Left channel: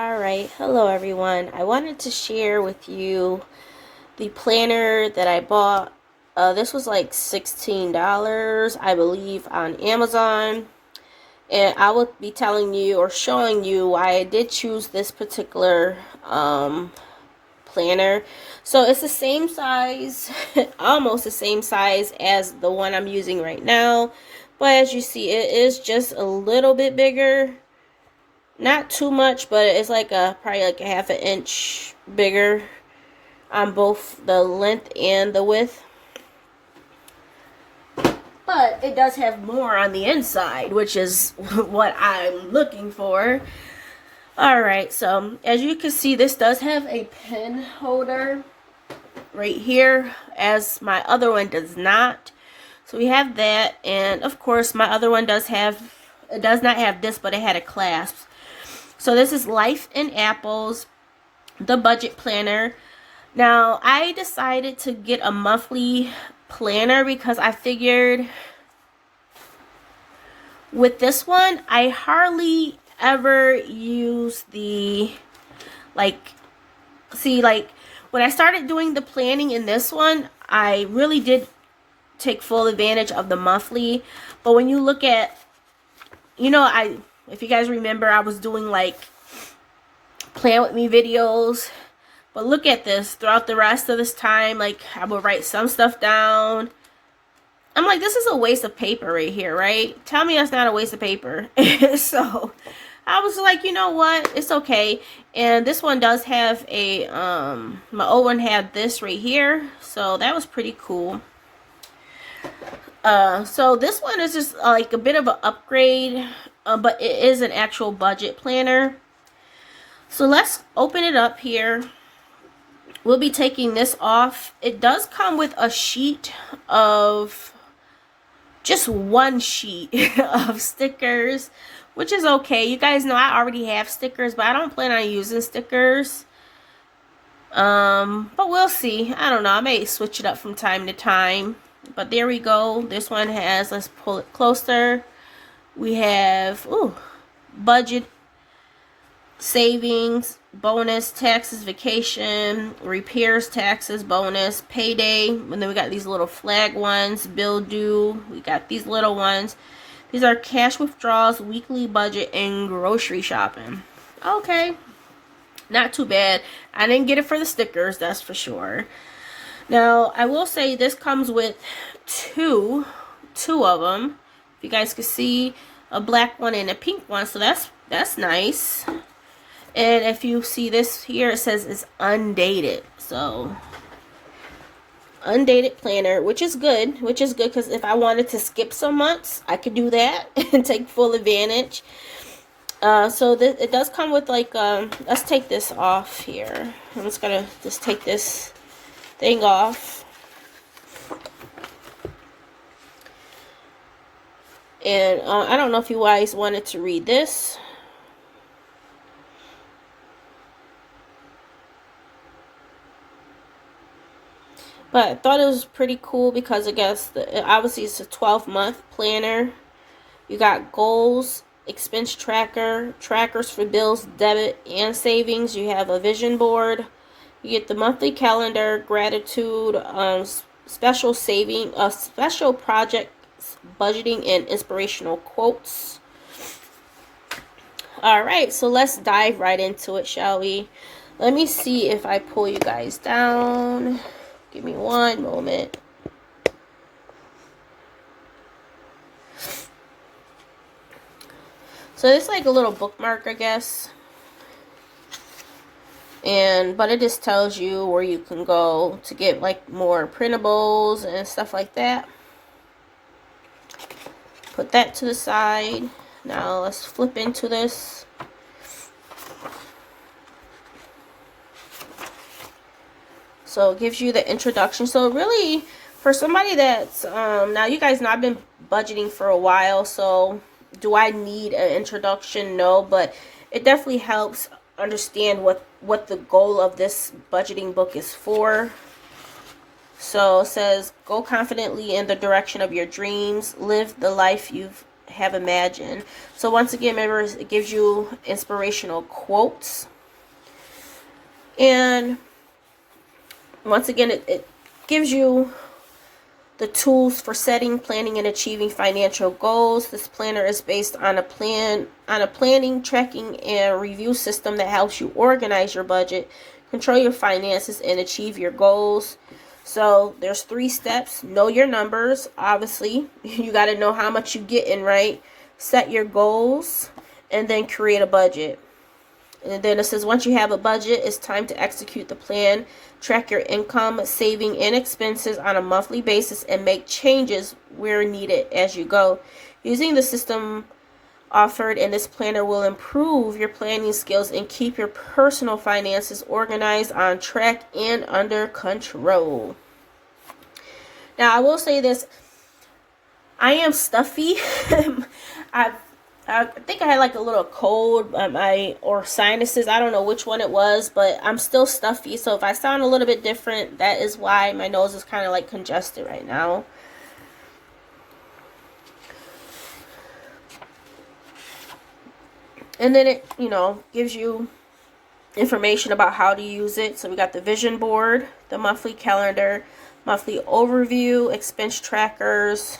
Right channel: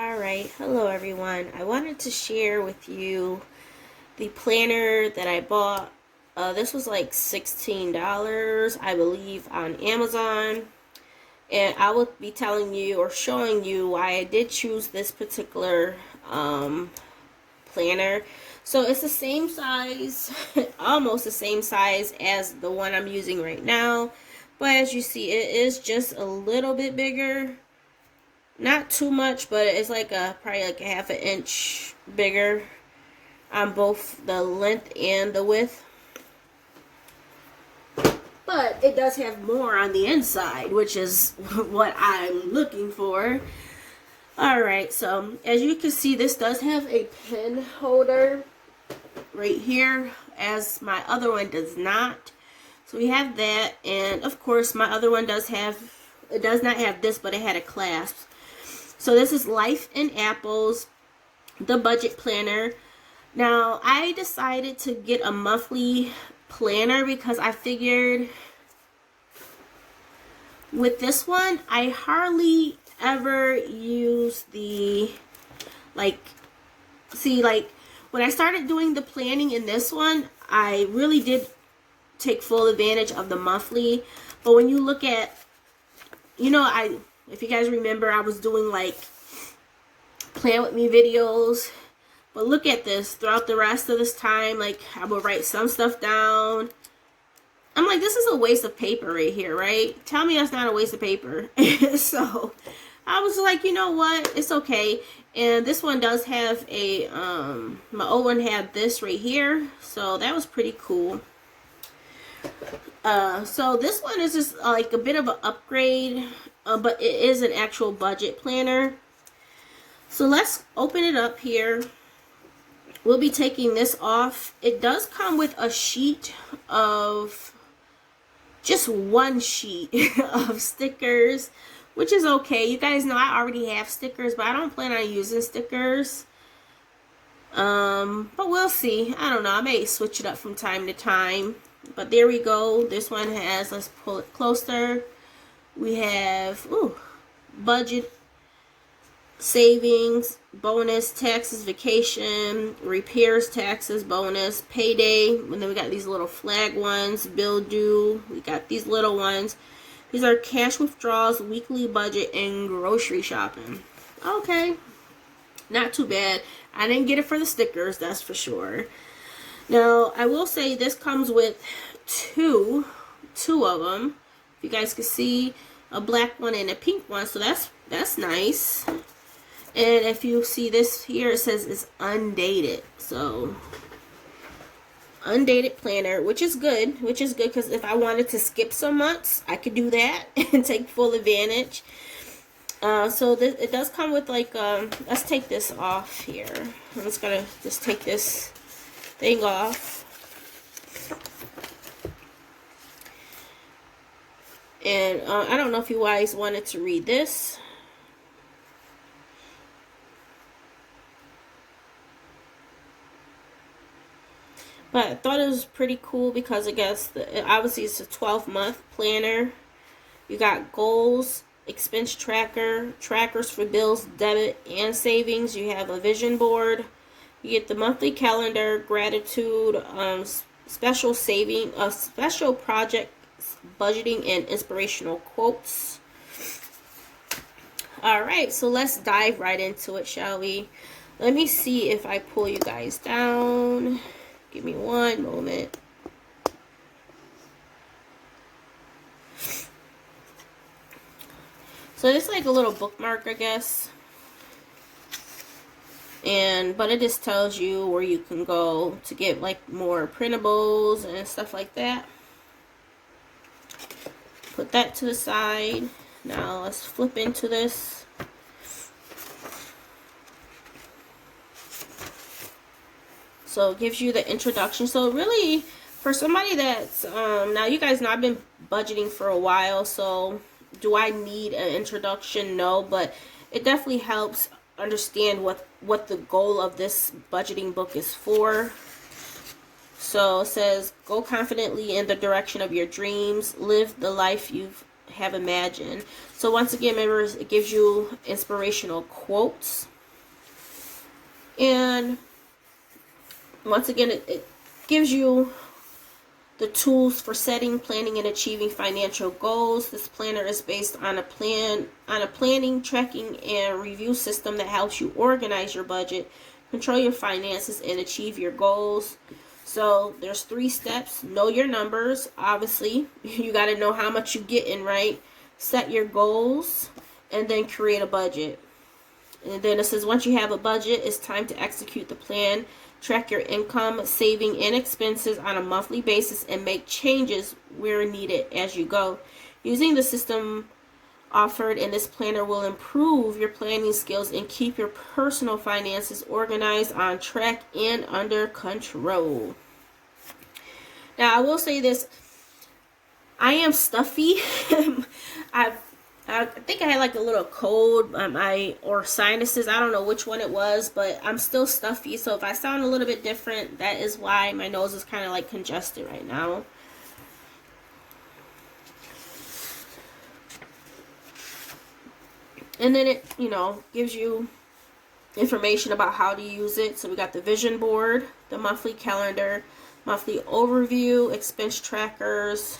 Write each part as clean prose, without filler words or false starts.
Alright, hello everyone. I wanted to share with you the planner that I bought. This was like $16, I believe, on Amazon. And I will be telling you or showing you why I did choose this particular planner. So it's the same size, almost the same size as the one I'm using right now. But as you see, it is just a little bit bigger. Not too much, but it's like probably like a half an inch bigger on both the length and the width. But it does have more on the inside, which is what I'm looking for. Alright, so as you can see, this does have a pen holder right here, as my other one does not. So we have that, and of course my other one does not have this, but it had a clasp. So this is Life in Apples, the budget planner. Now, I decided to get a monthly planner because I figured with this one, I hardly ever use the, when I started doing the planning in this one, I really did take full advantage of the monthly. But when you look at, if you guys remember, I was doing like plan with me videos. But look at this. Throughout the rest of this time, like, I will write some stuff down. I'm like, this is a waste of paper right here, right? Tell me that's not a waste of paper. So I was like, you know what? It's okay. And this one does have a, my old one had this right here. So that was pretty cool. So this one is just like a bit of an upgrade, but it is an actual budget planner. So let's open it up here. We'll be taking this off. It does come with a sheet of, just one sheet of stickers, which is okay. You guys know I already have stickers, but I don't plan on using stickers. But we'll see. I don't know. I may switch it up from time to time. But there we go. This one has, let's pull it closer. We have, budget, savings, bonus, taxes, vacation, repairs, taxes, bonus, payday. And then we got these little flag ones, bill due. We got these little ones. These are cash withdrawals, weekly budget, and grocery shopping. Okay. Not too bad. I didn't get it for the stickers, that's for sure. Now, I will say this comes with two of them. If you guys can see, a black one and a pink one, so that's nice. And if you see this here, it says it's undated. So, undated planner, which is good because if I wanted to skip some months, I could do that and take full advantage. So it does come with like, let's take this off here. I'm just gonna take this thing off. And I don't know if you guys wanted to read this. But I thought it was pretty cool because I guess obviously it's a 12-month planner. You got goals, expense tracker, trackers for bills, debit, and savings. You have a vision board. You get the monthly calendar, gratitude, special saving, special projects, budgeting, and inspirational quotes. All right, so let's dive right into it, shall we? Let me see if I pull you guys down. Give me one moment. So it's like a little bookmark, I guess. But it just tells you where you can go to get like more printables and stuff like that. Put that to the side. Now let's flip into this. So it gives you the introduction. So really, for somebody that's, now you guys know I've been budgeting for a while, so do I need an introduction? No, but it definitely helps understand what the goal of this budgeting book is for. So it says, go confidently in the direction of your dreams, live the life you've have imagined. So once again, remember, it gives you inspirational quotes. And once again, it gives you the tools for setting, planning, and achieving financial goals. This planner is based on a planning, tracking, and review system that helps you organize your budget, control your finances, and achieve your goals. So there's 3 steps. Know your numbers. Obviously, you got to know how much you get in, right? Set your goals, and then create a budget. And then it says once you have a budget, it's time to execute the plan. Track your income, saving, and expenses on a monthly basis, and make changes where needed as you go. Using the system offered in this planner will improve your planning skills and keep your personal finances organized, on track, and under control. Now, I will say this. I am stuffy. I think I had like a little cold or sinuses. I don't know which one it was, but I'm still stuffy. So if I sound a little bit different, that is why my nose is kind of like congested right now. And then it, gives you information about how to use it. So we got the vision board, the monthly calendar, monthly overview, expense trackers,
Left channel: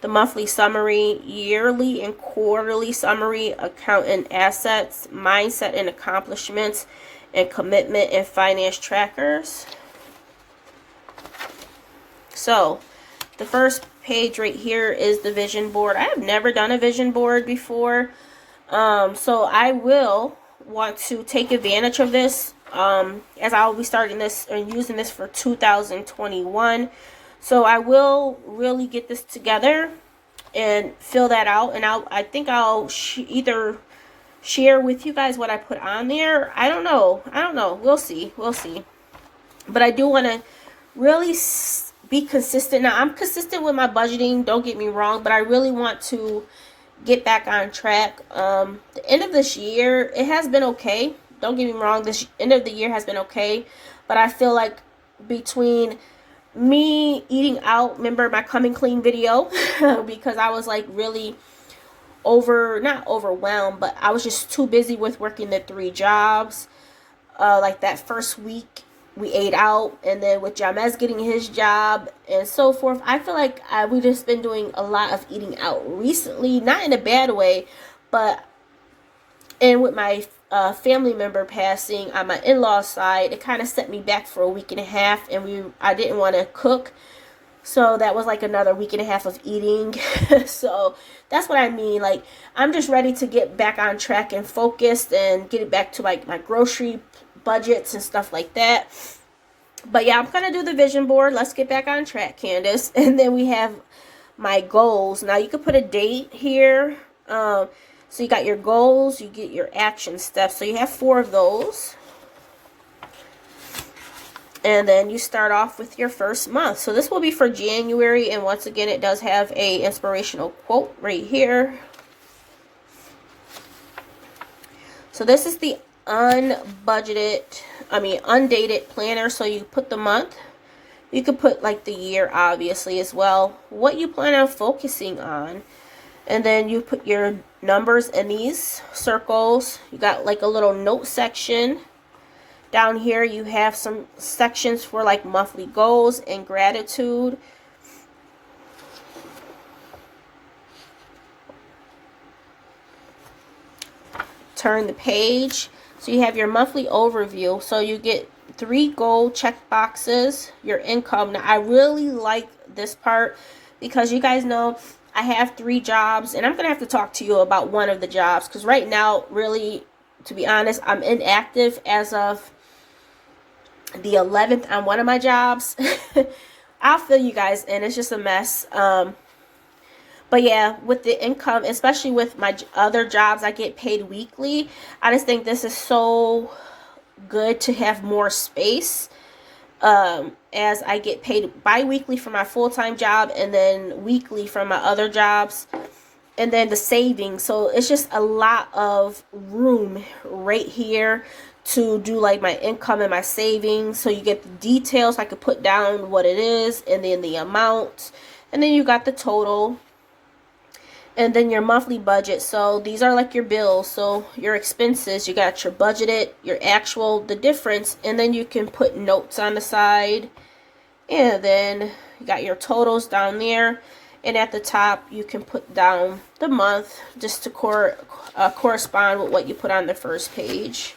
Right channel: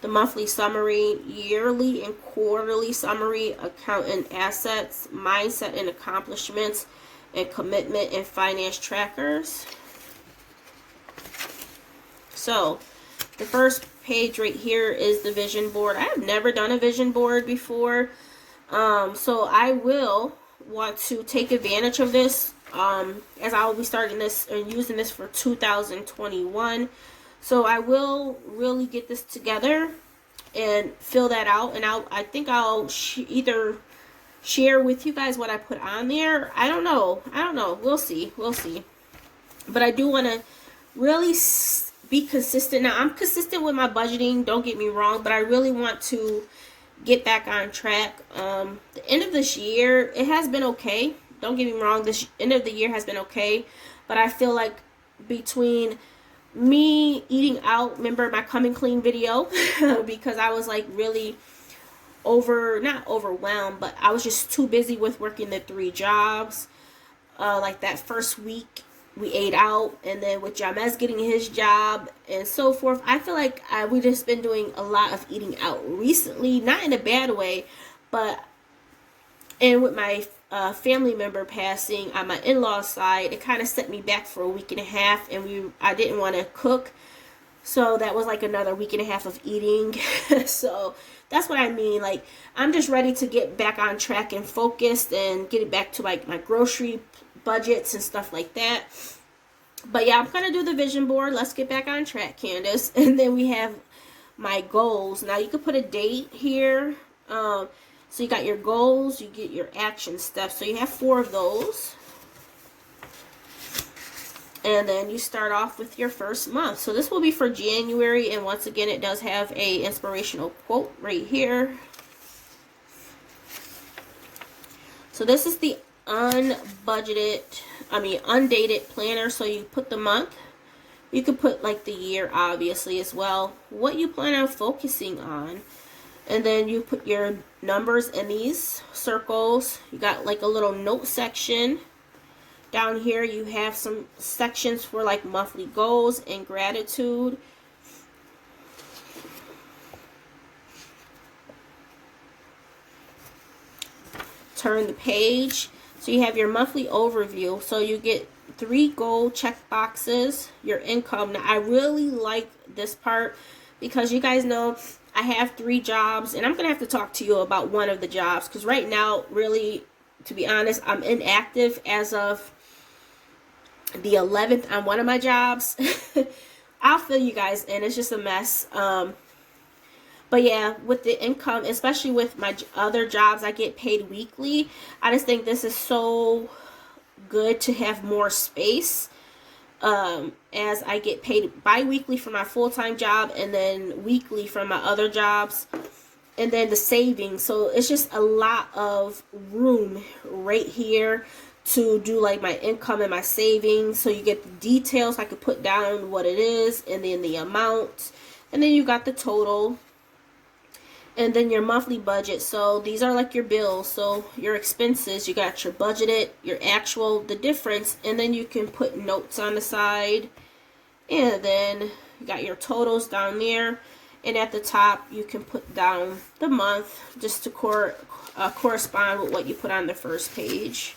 the monthly summary, yearly and quarterly summary, account and assets, mindset and accomplishments, and commitment and finance trackers. So the first page right here is the vision board. I have never done a vision board before. So I will want to take advantage of this, as I will be starting this and using this for 2021. So I will really get this together and fill that out. And I think I'll either share with you guys what I put on there. I don't know. We'll see. But I do want to really be consistent. Now, I'm consistent with my budgeting, don't get me wrong, but I really want to get back on track. The end of this year, it has been okay. Don't get me wrong, this end of the year has been okay. But I feel like between me eating out, remember my coming clean video, because I was like really not overwhelmed, but I was just too busy with working the 3 jobs. Like that first week we ate out, and then with Jamez getting his job and so forth, I feel like we just been doing a lot of eating out recently, not in a bad way, and with my family member passing on my in-laws side, it kind of set me back for a week and a half, and I didn't want to cook, so that was like another week and a half of eating. So that's what I mean. Like, I'm just ready to get back on track and focused and get it back to like my grocery budgets and stuff like that. But yeah, I'm gonna do the vision board. Let's get back on track, Candace. And then we have my goals. Now you can put a date here. So you got your goals, you get your action steps. So you have 4 of those. And then you start off with your first month. So this will be for January. And once again, it does have a inspirational quote right here. So this is the undated planner. So you put the month. You could put like the year, obviously, as well. What you plan on focusing on. And then you put your numbers in these circles. You got like a little note section. Down here you have some sections for like monthly goals and gratitude. Turn the page. So you have your monthly overview. So you get 3 goal check boxes, your income. Now I really like this part because you guys know I have 3 jobs, and I'm going to have to talk to you about one of the jobs, because right now, really, to be honest, I'm inactive as of the 11th on one of my jobs. I'll fill you guys in. It's just a mess. But yeah, with the income, especially with my other jobs, I get paid weekly. I just think this is so good to have more space. As I get paid bi-weekly for my full-time job, and then weekly from my other jobs, and then the savings. So it's just a lot of room right here to do like my income and my savings. So you get the details. I could put down what it is, and then the amount, and then you got the total. And then your monthly budget. So these are like your bills. So your expenses, you got your budgeted, your actual, the difference, and then you can put notes on the side. And then you got your totals down there. And at the top, you can put down the month just to correspond with what you put on the first page.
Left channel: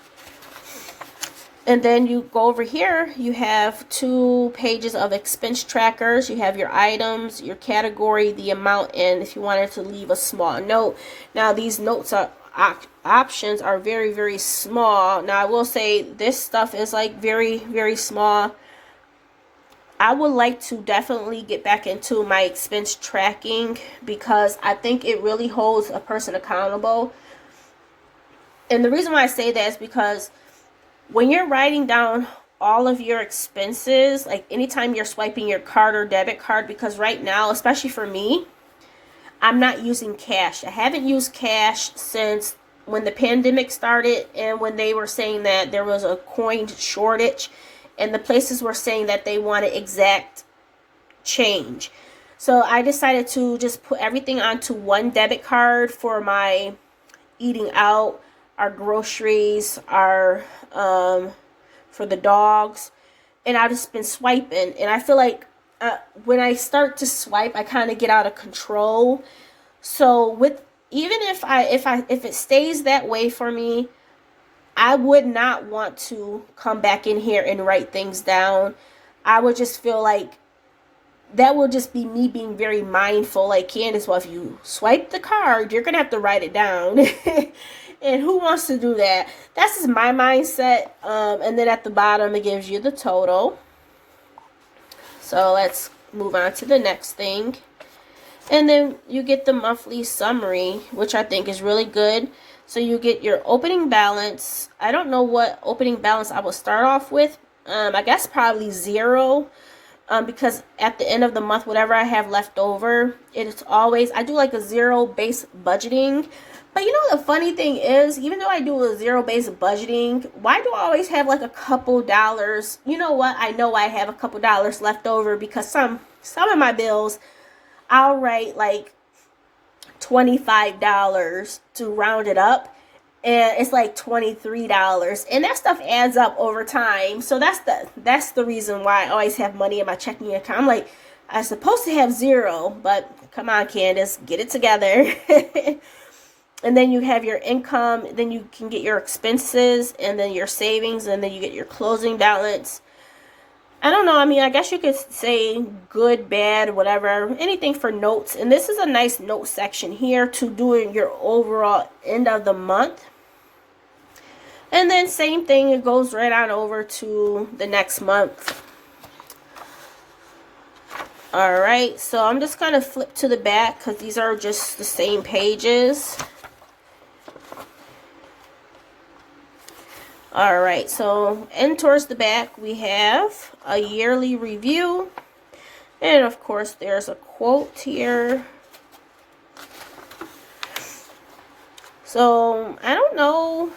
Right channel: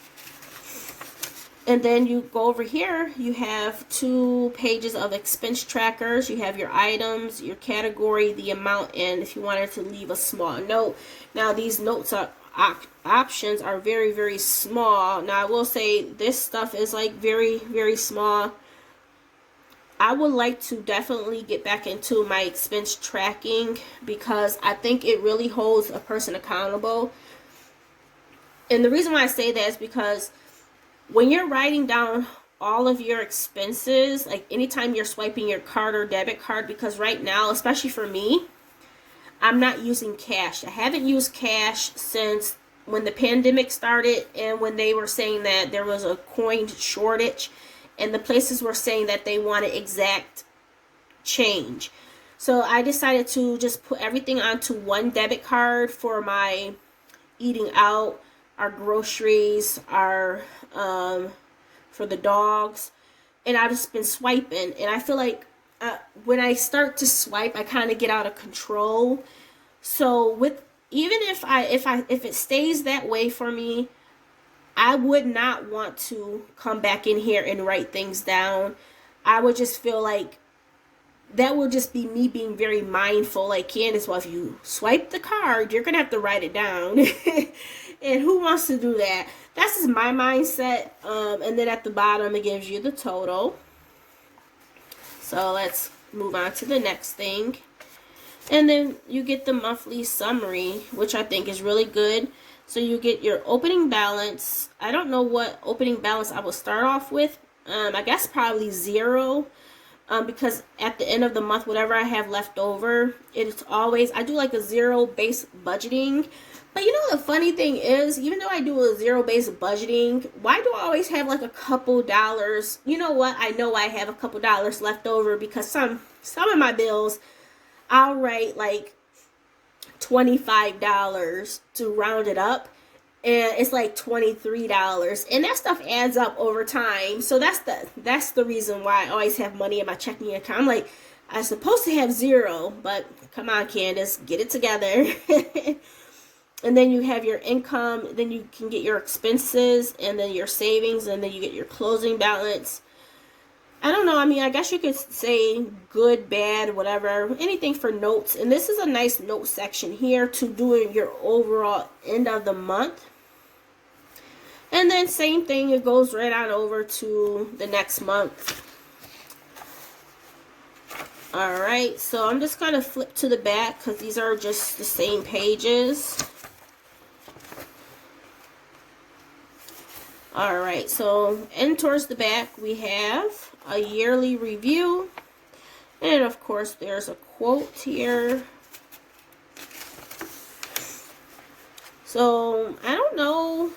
And then you go over here, you have 2 pages of expense trackers. You have your items, your category, the amount, and if you wanted to leave a small note. Now these notes are options are very, very small. Now I will say this stuff is like very, very small. I would like to definitely get back into my expense tracking because I think it really holds a person accountable. And the reason why I say that is because when you're writing down all of your expenses, like anytime you're swiping your card or debit card, because right now, especially for me, I'm not using cash. I haven't used cash since when the pandemic started and when they were saying that there was a coin shortage and the places were saying that they wanted exact change. So I decided to just put everything onto one debit card for my eating out, our groceries, our for the dogs, and I've just been swiping, and I feel like when I start to swipe, I kind of get out of control. So with even if it stays that way for me, I would not want to come back in here and write things down. I would just feel like that will just be me being very mindful. Like, Candace, well, if you swipe the card, you're gonna have to write it down. And who wants to do that? That's just my mindset. And then at the bottom, it gives you the total. So let's move on to the next thing. And then you get the monthly summary, which I think is really good. So you get your opening balance. I don't know what opening balance I will start off with. I guess probably 0. Because at the end of the month, whatever I have left over, it's always, I do like a 0 base budgeting. But you know, the funny thing is, even though I do a 0 base budgeting, why do I always have like a couple dollars? You know what? I know I have a couple dollars left over because some of my bills, I'll write like $25 to round it up. And it's like $23, and that stuff adds up over time. So that's the reason why I always have money in my checking account. I'm like, I'm supposed to have 0, but come on, Candace, get it together. And then you have your income, then you can get your expenses, and then your savings, and then you get your closing balance. I don't know, I mean, I guess you could say good, bad, whatever, anything for notes. And this is a nice note section here to doing your overall end of the month. And then same thing, it goes right on over to the next month. Alright, so I'm just going to flip to the back because these are just the same pages. Alright, so in towards the back we have a yearly review. And of course there's a quote here. So, I don't know.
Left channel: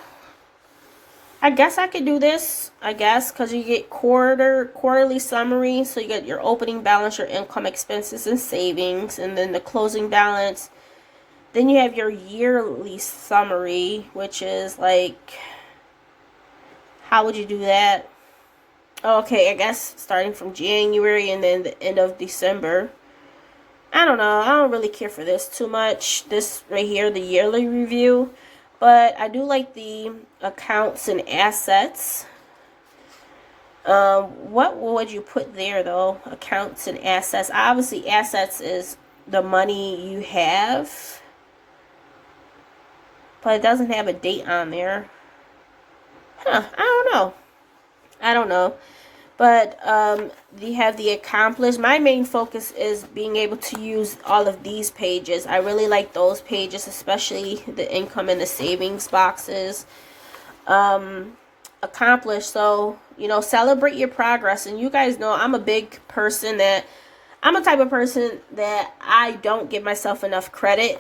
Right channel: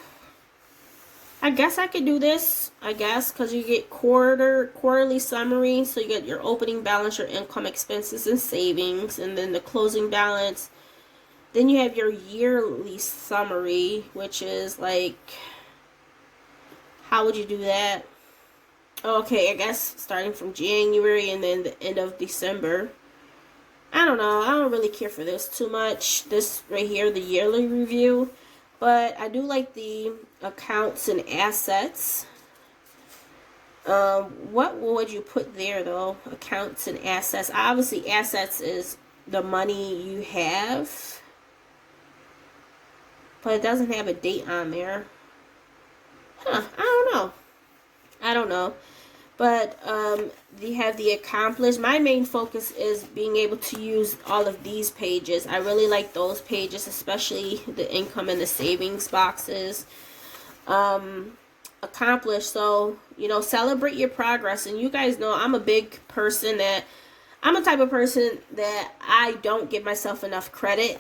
I guess I could do this, because you get quarterly summary. So you get your opening balance, your income, expenses, and savings, and then the closing balance. Then you have your yearly summary, which is like, how would you do that? Okay, I guess starting from January and then the end of December. I don't know. I don't really care for this too much. This right here, the yearly review. But I do like the accounts and assets. What would you put there, though? Accounts and assets. Obviously, assets is the money you have. But it doesn't have a date on there. Huh, I don't know. But you have the accomplished. My main focus is being able to use all of these pages. I really like those pages, especially the income and the savings boxes. Accomplished. So, celebrate your progress. And you guys know I'm a big person that, I'm a type of person that I don't give myself enough credit.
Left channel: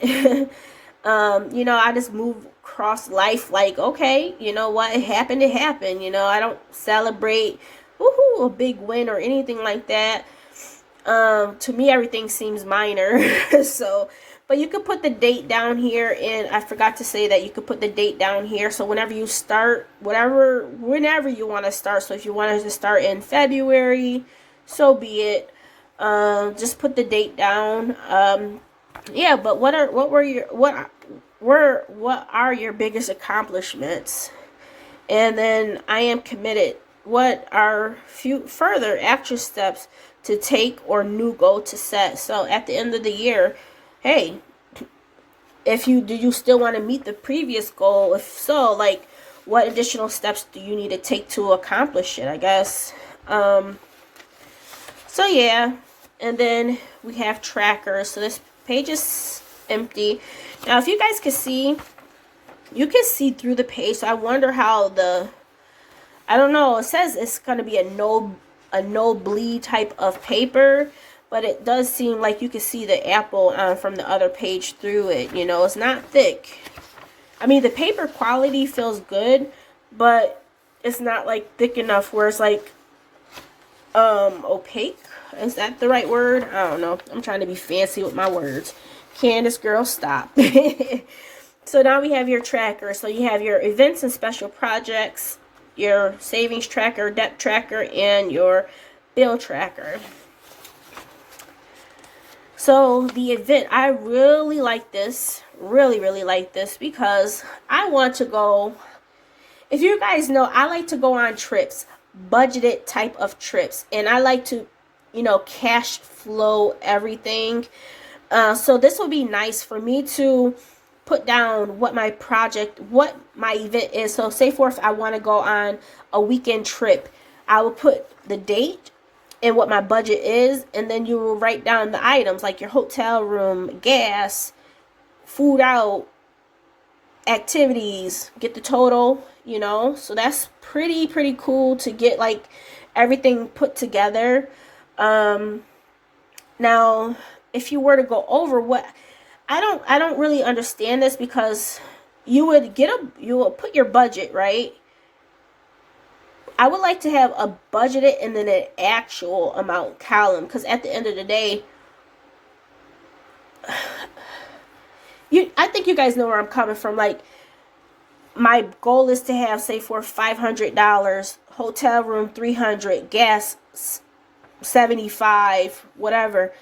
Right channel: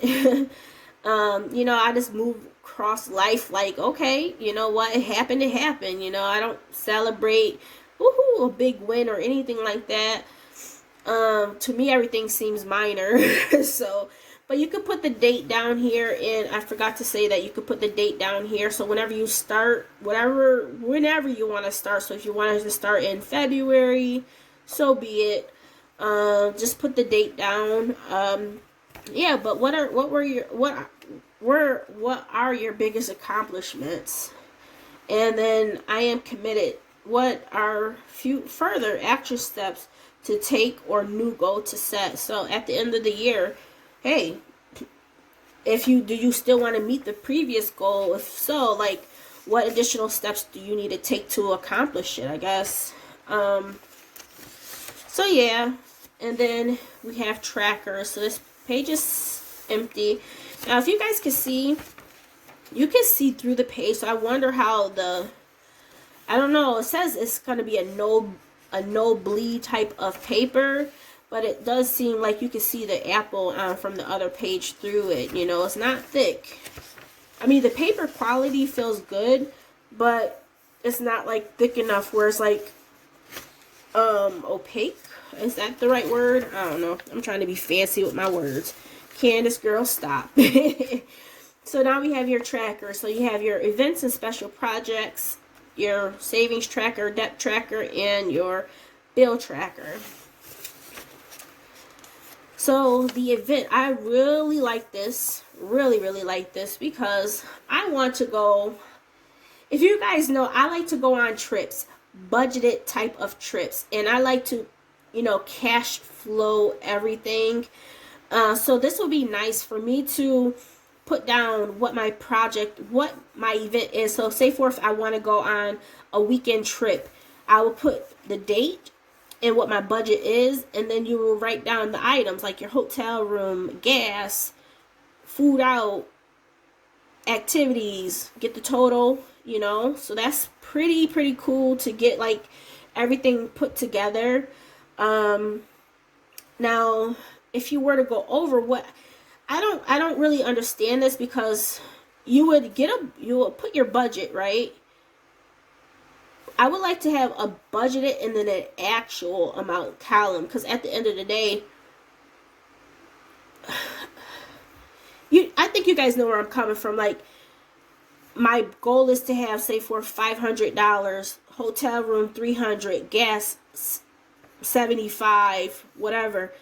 I just move across life like, okay, you know what, it happened. I don't celebrate woohoo, a big win or anything like that. To me, everything seems minor. So But you could put the date down here, and I forgot to say that you could put the date down here. So whenever you start, whenever you want to start. So if you wanted to start in February, so be it. Just put the date down. Yeah, but what are your biggest accomplishments? And then I am committed. What are few further action steps to take or new goal to set? So at the end of the year, hey, do you still want to meet the previous goal? If so, like, what additional steps do you need to take to accomplish it, I guess. So yeah, and then we have trackers. So this page is empty. Now, if you guys can see, you can see through the page. So I wonder how I don't know. It says it's going to be a no bleed type of paper, but it does seem like you can see the apple from the other page through it. You know, it's not thick. I mean, the paper quality feels good, but it's not like thick enough where it's like opaque. Is that the right word? I don't know. I'm trying to be fancy with my words. Candace, girl, stop. So now we have your tracker. So you have your events and special projects, your savings tracker, debt tracker, and your bill tracker. So the event, I really like this. Really like this because I want to go. If you guys know, I like to go on trips, budgeted type of trips, and I like to, you know, cash flow everything. So this will be nice for me to put down what my event is. So say for if I want to go on a weekend trip, I will put the date and what my budget is, and then you will write down the items like your hotel room, gas, food out, activities, get the total, you know. So that's pretty cool to get like everything put together. Now if you were to go over what I don't really understand this, because you will put your budget, right? I would like to have a budgeted and then an actual amount column, because at the end of the day, I think you guys know where I'm coming from. Like, my goal is to have, say, for $500, hotel room $300, gas $75, whatever.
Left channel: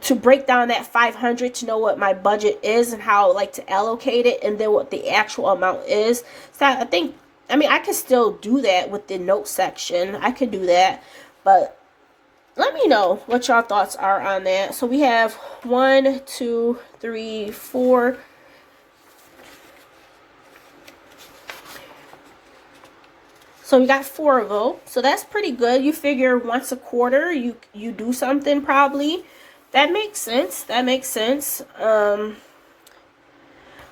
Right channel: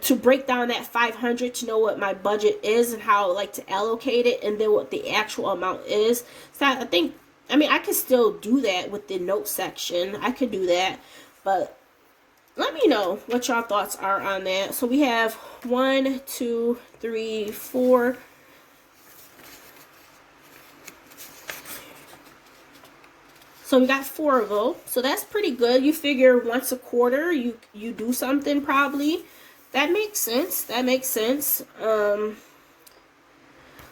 To break down that $500 to know what my budget is and how I like to allocate it, and then what the actual amount is. So I could still do that with the note section. I could do that, but let me know what y'all thoughts are on that. So we have 1, 2, 3, 4. So we got 4 of them. So that's pretty good. You figure once a quarter you do something probably. That makes sense.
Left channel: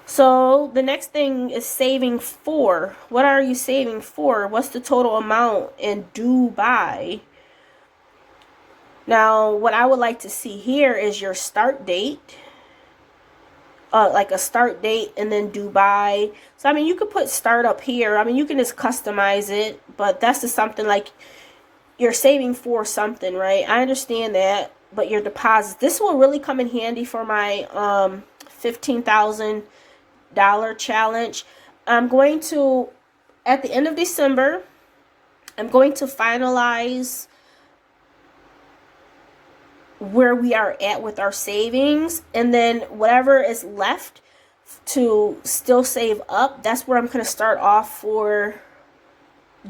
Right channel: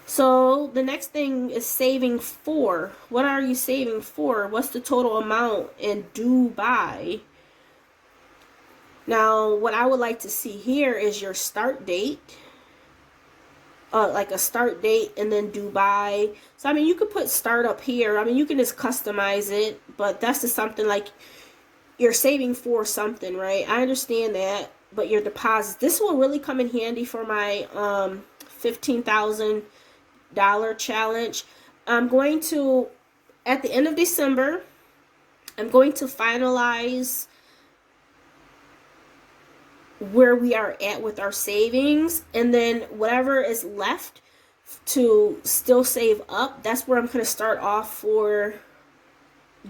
So the next thing is saving for. What are you saving for? What's the total amount and due by? Now, what I would like to see here is your start date. Like a start date and then due by. So, I mean, you could put start up here. I mean, you can just customize it, but that's just something like you're saving for something, right? I understand that. But your deposits, this will really come in handy for my $15,000 challenge. I'm going to, at the end of December, I'm going to finalize where we are at with our savings, and then whatever is left to still save up, that's where I'm going to start off for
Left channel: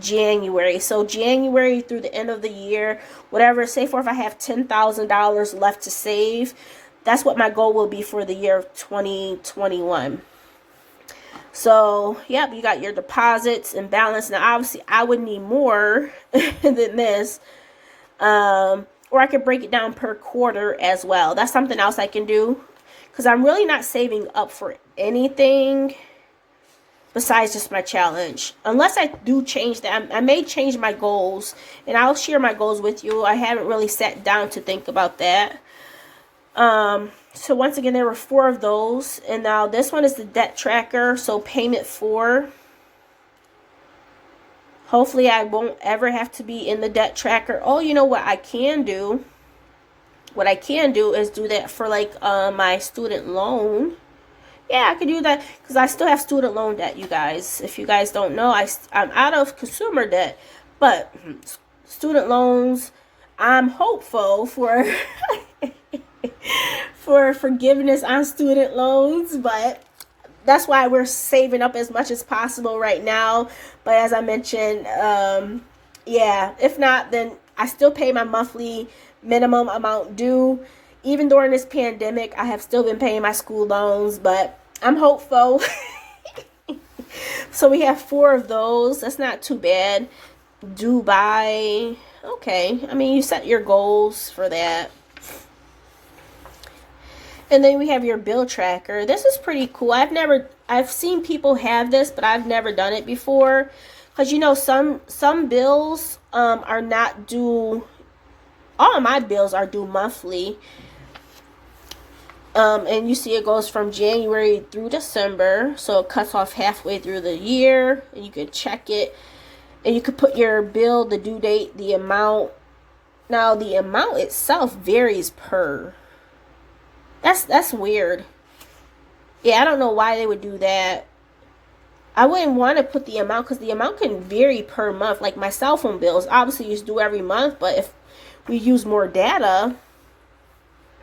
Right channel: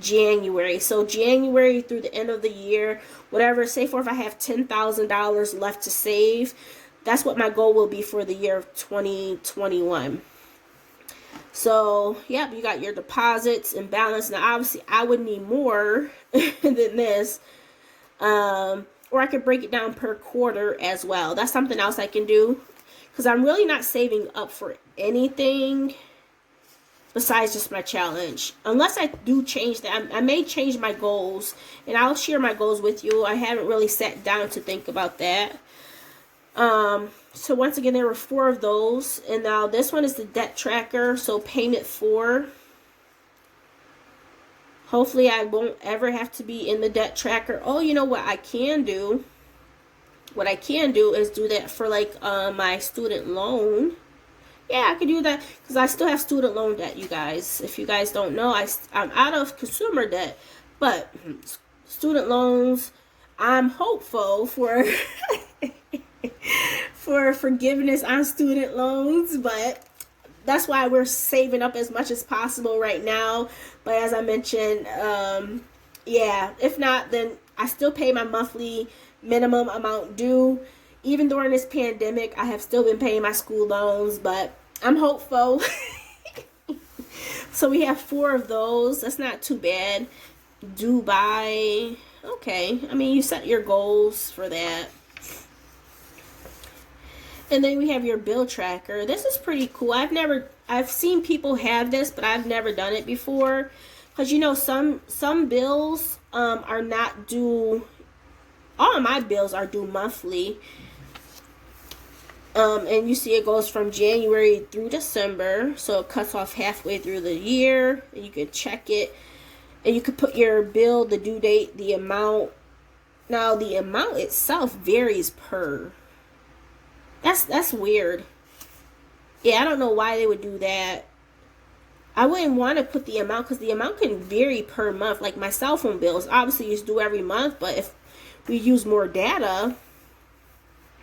January. So January through the end of the year, whatever, say for if I have $10,000 left to save, that's what my goal will be for the year of 2021. So, yep, you got your deposits and balance. Now, obviously, I would need more than this. Or I could break it down per quarter as well. That's something else I can do, because I'm really not saving up for anything besides just my challenge. Unless I do change that. I may change my goals, and I'll share my goals with you. I haven't really sat down to think about that. So once again, there were 4 of those. And now this one is the debt tracker. So payment 4. Hopefully I won't ever have to be in the debt tracker. Oh, you know what I can do? what I can do is do that for like my student loan. Yeah, I could do that because I still have student loan debt, you guys. If you guys don't know, I'm out of consumer debt, but student loans, I'm hopeful for for forgiveness on student loans, but that's why we're saving up as much as possible right now. But as I mentioned, yeah, if not, then I still pay my monthly minimum amount due. Even during this pandemic, I have still been paying my school loans, but I'm hopeful. So we have 4 of those. That's not too bad. Due by, okay. I mean, you set your goals for that. And then we have your bill tracker. This is pretty cool. I've seen people have this, but I've never done it before. Because, you know, some bills are not due. All of my bills are due monthly. And you see it goes from January through December. So it cuts off halfway through the year. And you can check it. And you could put your bill, the due date, the amount. Now, the amount itself varies per. That's weird. Yeah, I don't know why they would do that. I wouldn't want to put the amount because the amount can vary per month. Like my cell phone bills, obviously it's due every month. But if we use more data,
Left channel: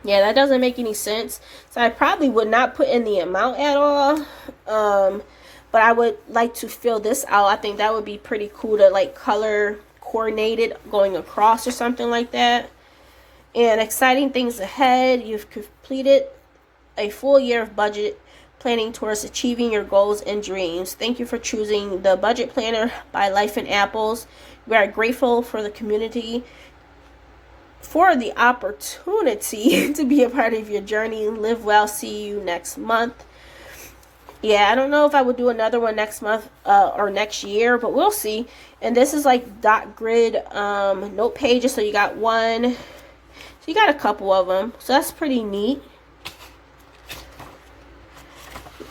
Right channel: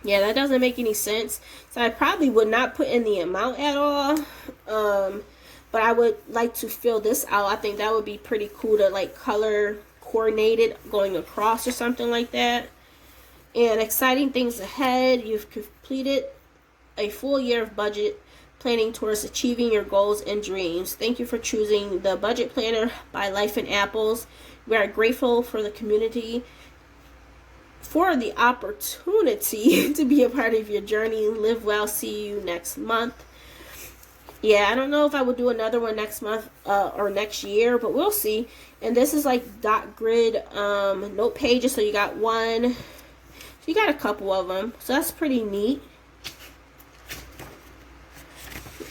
yeah, that doesn't make any sense. So I probably would not put in the amount at all. But I would like to fill this out. I think that would be pretty cool to like color coordinate it going across or something like that. And exciting things ahead. You've completed a full year of budget planning towards achieving your goals and dreams. Thank you for choosing the Budget Planner by Life in Apples. We are grateful for the community, for the opportunity to be a part of your journey. Live well. See you next month. Yeah, I don't know if I would do another one next month or next year, but we'll see. And this is like dot grid note pages. So you got one. So you got a couple of them. So that's pretty neat.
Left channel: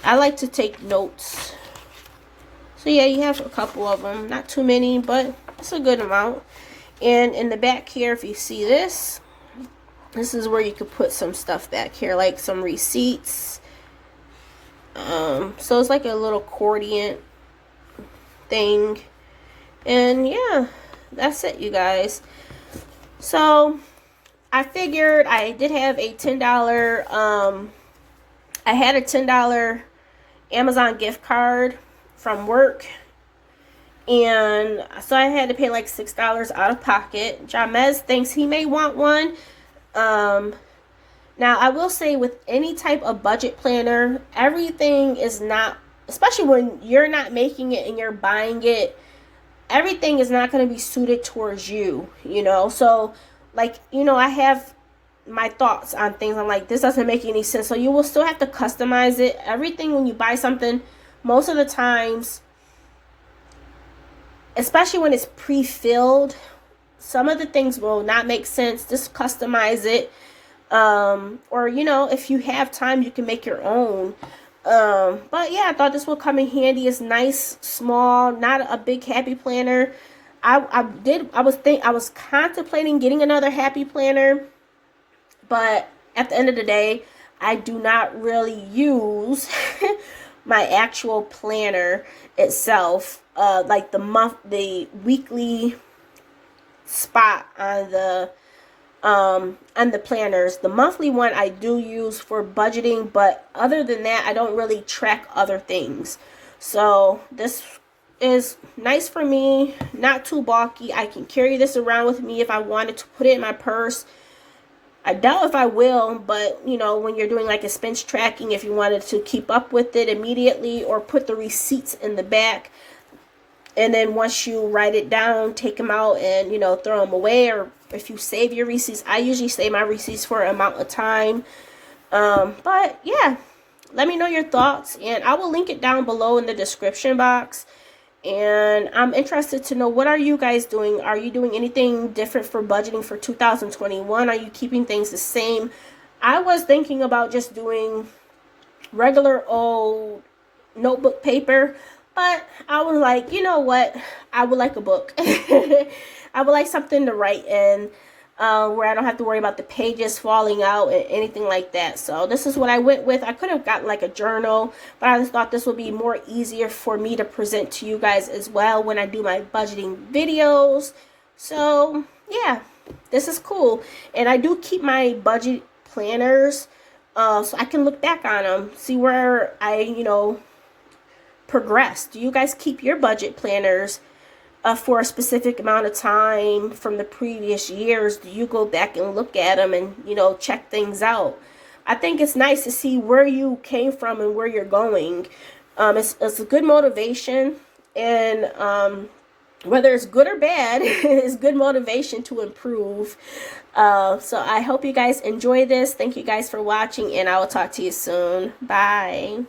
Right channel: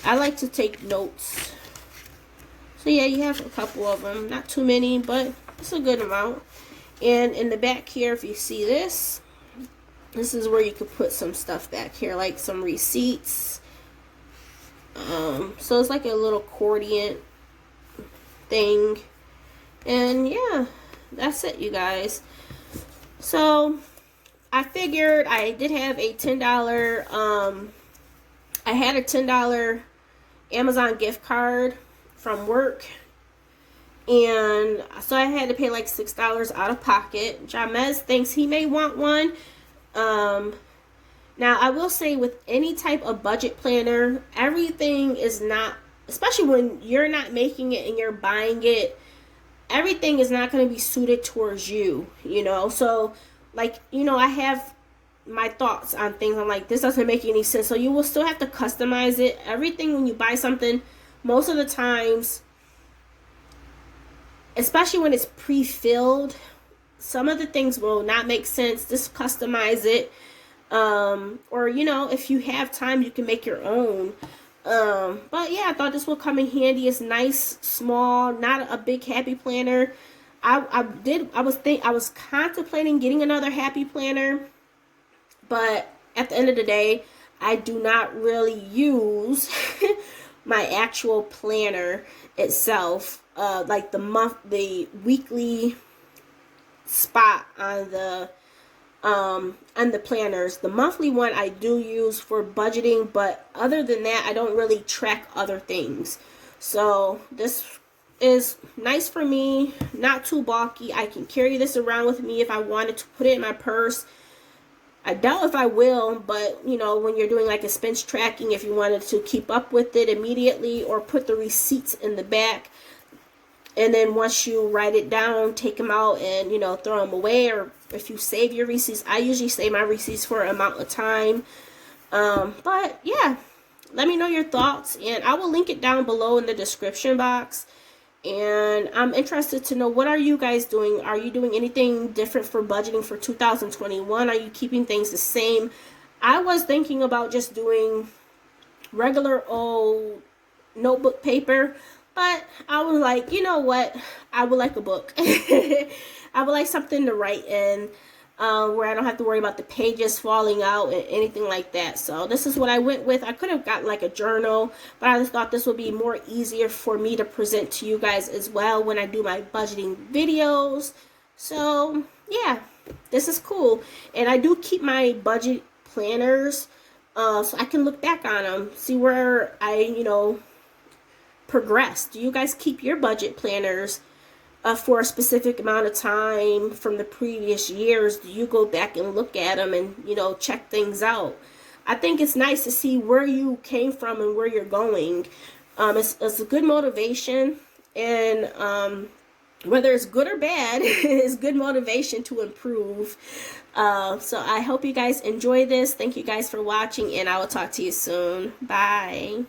I like to take notes. So yeah, you have a couple of them. Not too many, but it's a good amount. And in the back here, if you see this, this is where you could put some stuff back here, like some receipts. So it's like a little accordion thing. And yeah, that's it, you guys. So I figured I did have a $10, I had a $10 Amazon gift card from work. And so I had to pay like $6 out of pocket. Jamez thinks he may want one. Now, I will say with any type of budget planner, everything is not, especially when you're not making it and you're buying it, everything is not going to be suited towards you, you know. So, like, you know, I have my thoughts on things. I'm like, this doesn't make any sense. So you will still have to customize it. Everything when you buy something, most of the times, especially when it's pre-filled, some of the things will not make sense. Just customize it. Or, you know, if you have time, you can make your own. But yeah, I thought this would come in handy. It's nice, small, not a big happy planner. I was contemplating getting another happy planner, but at the end of the day, I do not really use my actual planner itself, like the weekly spot on the planners. The monthly one I do use for budgeting, but other than that, I don't really track other things. So this is nice for me, not too bulky. I can carry this around with me if I wanted to put it in my purse. I doubt if I will, but you know, when you're doing like expense tracking, if you wanted to keep up with it immediately, or put the receipts in the back, and then once you write it down, take them out and, you know, throw them away. Or if you save your receipts, I usually save my receipts for an amount of time. But yeah, let me know your thoughts, and I will link it down below in the description box. And I'm interested to know, what are you guys doing? Are you doing anything different for budgeting for 2021? Are you keeping things the same? I was thinking about just doing regular old notebook paper, but I was like, you know what? I would like a book. I would like something to write in. where I don't have to worry about the pages falling out and anything like that. So this is what I went with. I could have gotten like a journal, but I just thought this would be more easier for me to present to you guys as well when I do my budgeting videos. So yeah, this is cool. And I do keep my budget planners so I can look back on them, see where I, progressed. Do you guys keep your budget planners for a specific amount of time from the previous years? Do you go back and look at them and, check things out? I think it's nice to see where you came from and where you're going. It's a good motivation, and whether it's good or bad, it's good motivation to improve. So I hope you guys enjoy this. Thank you guys for watching, and I will talk to you soon. Bye.